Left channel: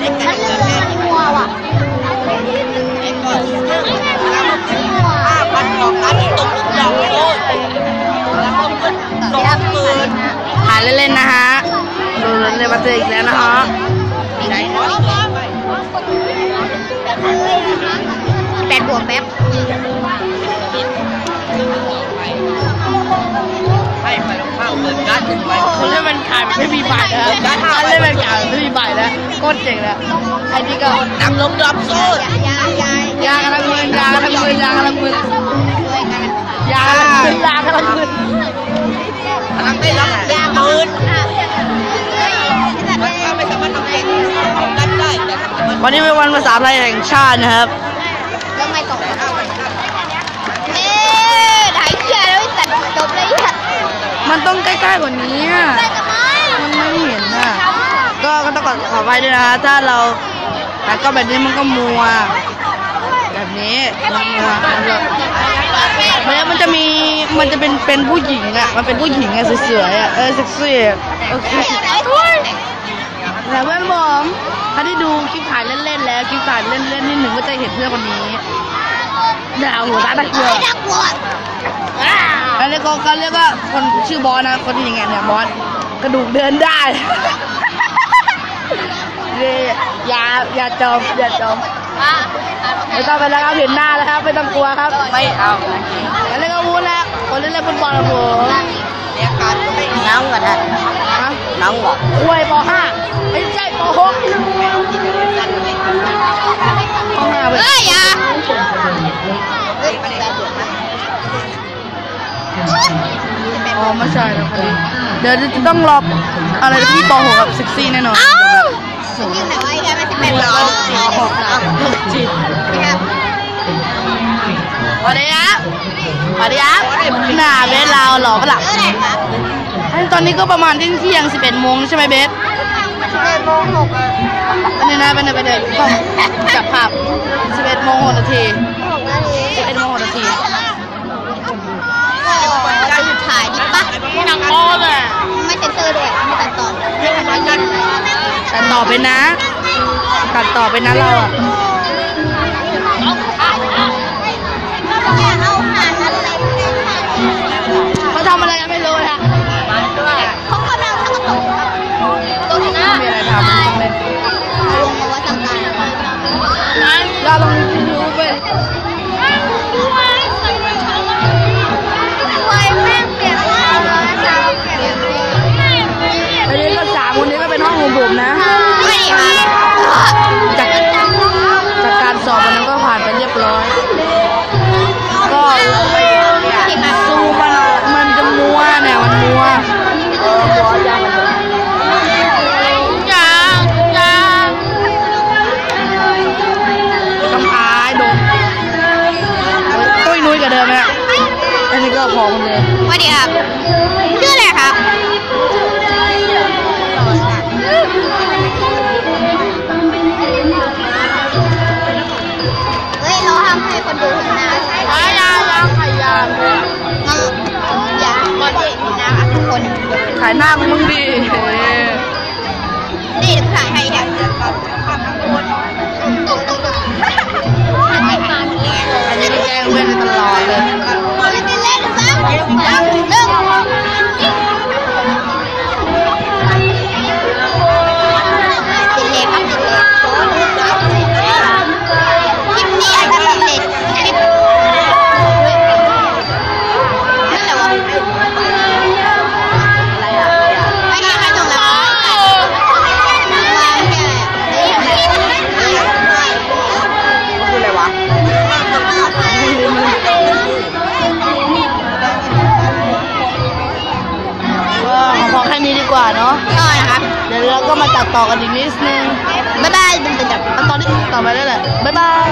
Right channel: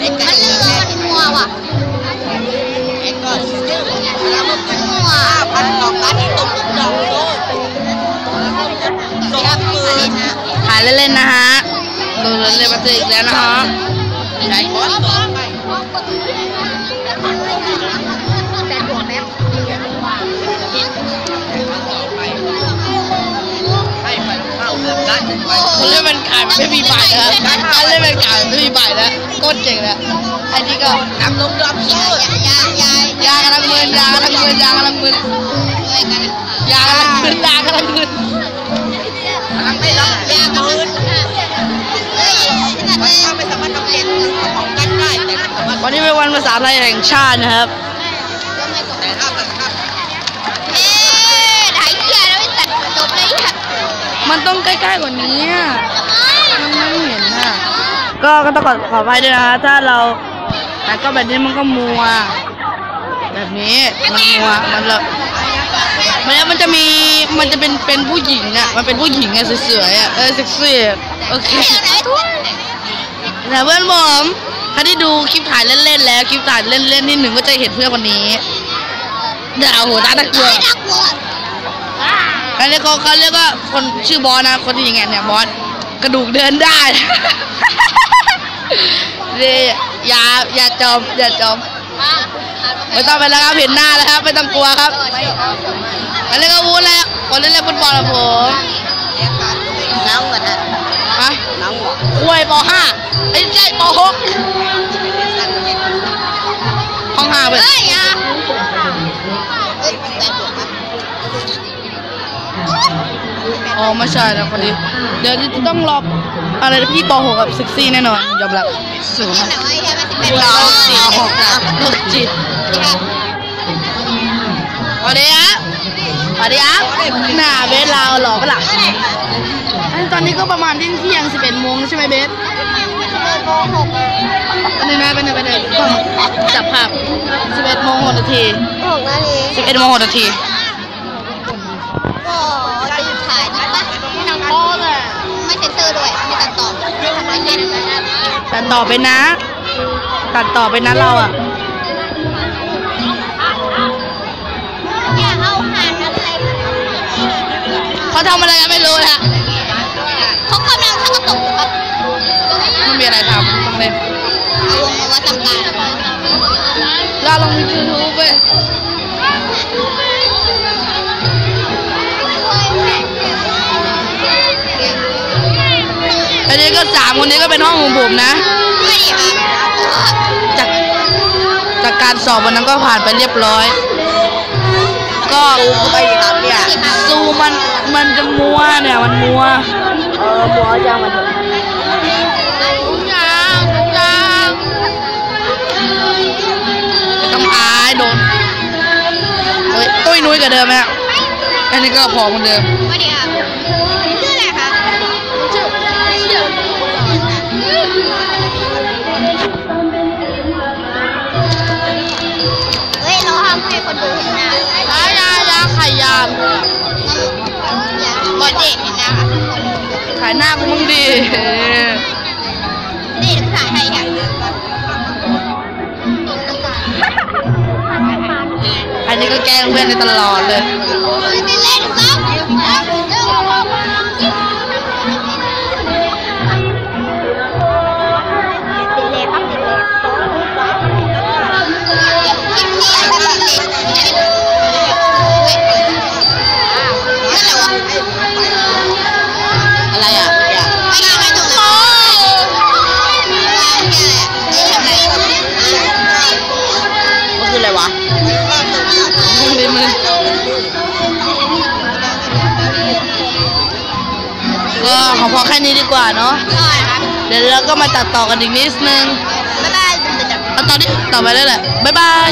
มันเรือมันมัวว่ะมัวครับมาเล่นนะหาเล่นๆนะฮะโดนเล่นมาเจออีกแล้วนะฮะแปดบวกแป๊บ คนเล่นเป็นการไม่มีใบแล้วคนเล่นเป็นการไม่มีใบแล้วโคตรเจ๋งแล้วอันนี้ก็ลงดับยายายายายากำลังมึนยากำลังมึนยากำลังมึนยากำลังมึนยากำลังมึนยากำลังเฮ้ยจัดเลยวันนี้เป็นวันภาษาไทยแห่งชาตินะครับ จัดจบเลยเนี่ยมันต้องใกล้ๆกว่านี้อะทำไมมันไม่เห็นน่ะ ก็ก็ต้องขอขอไปด้วยนะถ้าเราแต่ก็แบบนี้มันก็มัว แบบนี้มันมัวมันแบบแล้วมันจะมีมันจะเป็นเป็นผู้หญิงอะ มันเป็นผู้หญิงอะสวยๆอะเออเซ็กซี่อะโอเคแต่เพื่อนผมถ้าได้ดูคลิปถ่ายเล่นๆแล้วคลิปถ่ายเล่นๆนิดหนึ่งก็จะเห็นเพื่อนคนนี้ดาวหัวตาตะกัวน่ากลัว อันนี้เขาเขาเรียกว่าคนชื่อบอสนะ คนที่ยังไงเนี่ยบอสกระดูกเดินได้นี่อย่าอย่าจมอย่าจมไม่ต้องไปแล้วครับเห็นหน้าแล้วครับไม่ต้องกลัวครับ ไม่เอาอันนี้ก็วูดแล้วคนเล่นเล่นฟุตบอลครับผมน้ำกันนะฮะน้ำหัวคุยปห้าไอ้ยใช่ปหกห้องห้าไปเฮ้ยยาเฮ้ยแปดบวก อ๋อไม่ใช่นะคนนี้เดี๋ยวจะต้องรออะไรนะพี่ปหกกับเซ็กซี่แน่นอนยอมรับสูงน้อยใช่ไหมเป็นโรเราคจิตโรคจิตสวัสดีครับสวัสดีครับหน้าเบสเราหล่อปะล่ะอันตอนนี้ก็ประมาณเที่ยงเที่ยงสิบเอ็ดโมงใช่ไหมเบสสิบเอ็ดโมงหกอะอันนี้นะเป็นไปเดินจับภาพสิบเอ็ดโมงหกนาทีหกนาทีสิบเอ็ดโมงหกนาที ก็จะหยุดถ่ายนี่ปะหนังโป๊เลย ไม่เซ็นเซอร์ด้วย ไม่ตัดต่อไม่ทำอะไรกันตัดต่อไปนะ ตัดต่อไปนะเราอะอย่าเอาหานอะไรเขาทำอะไรกันไม่รู้นะเขากำลังทำกระตุกปะไม่มีอะไรทำต้องเล่นเอาวงมาวัดจำการเราลงยูทูบไป นนี้ก็สามคนนี้ก็เป็นห้องของผมนะ ไม่ดีค่ะจากจากการสอบวันนั้นก็ผ่านไปเรียบร้อย ก็ซูมันมันจะมัวเนี่ยมันมัวเออมัวยางมันยางยางกำอายโดนเฮ้ยตุ้ยนุ้ยกับเดิมไหมฮะอันนี้ก็พอคนเดิมสวัสดีครับชื่ออะไรครับ ขายหน้ามึงดีนี่ถ่ายให้ครับตุ๊กตุ๊กตุ๊กอันนี้ก็แกล้งเพื่อนกันตลอดเลย คืออะไรวะลืมเลยก็ขอพอแค่นี้ดีกว่าเนาะก็นะครับเดี๋ยวเราก็มาตัดต่อกันอีกนิดนึงบ๊ายบายเป็นเป็นเอาตอนนี้ต่อไปได้แหละบ๊ายบาย